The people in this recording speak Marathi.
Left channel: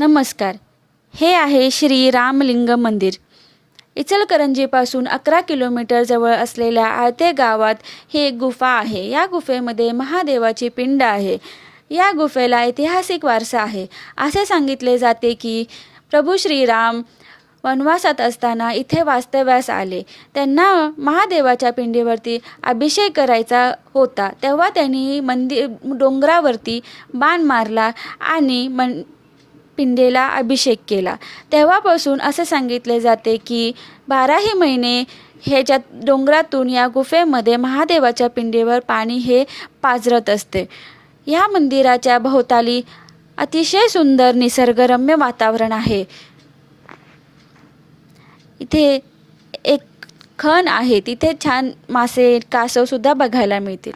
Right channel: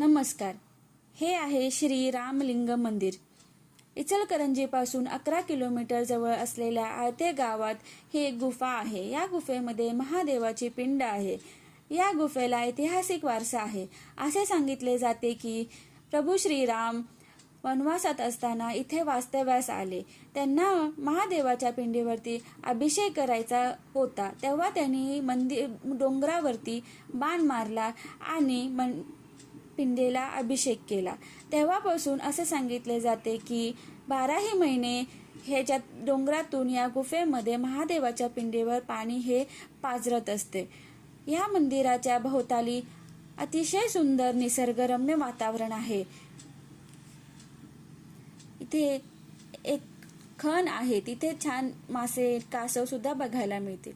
नमस्कार. हे आहे श्री रामलिंग मंदिर. इचलकरंजीपासून 11 किलोमीटर जवळ असलेल्या आळते गावात ही एक गुफा आहे. या गुफेमध्ये महादेवाची पिंड आहे. या गुफेला ऐतिहासिक वारसा आहे. असे सांगितले जाते की प्रभू श्रीराम वनवासात असताना इथे वास्तव्यास आले. त्यांना महादेवाच्या पिंडीवरती अभिषेक करायचा होता. तेव्हा त्यांनी डोंगरावरती बाण मारला आणि पिंडेला अभिषेक केला. तेव्हापासून असे सांगितले जाते की 12ही महिने ह्याच्यात डोंगरातून या गुफेमध्ये महादेवाच्या पिंडीवर पाणी हे पाझरत असते. या मंदिराच्या भोवताली अतिशय सुंदर निसर्गरम्य वातावरण आहे. इथे एक खण आहे, तिथे छान मासे कासव सुद्धा बघायला मिळतील.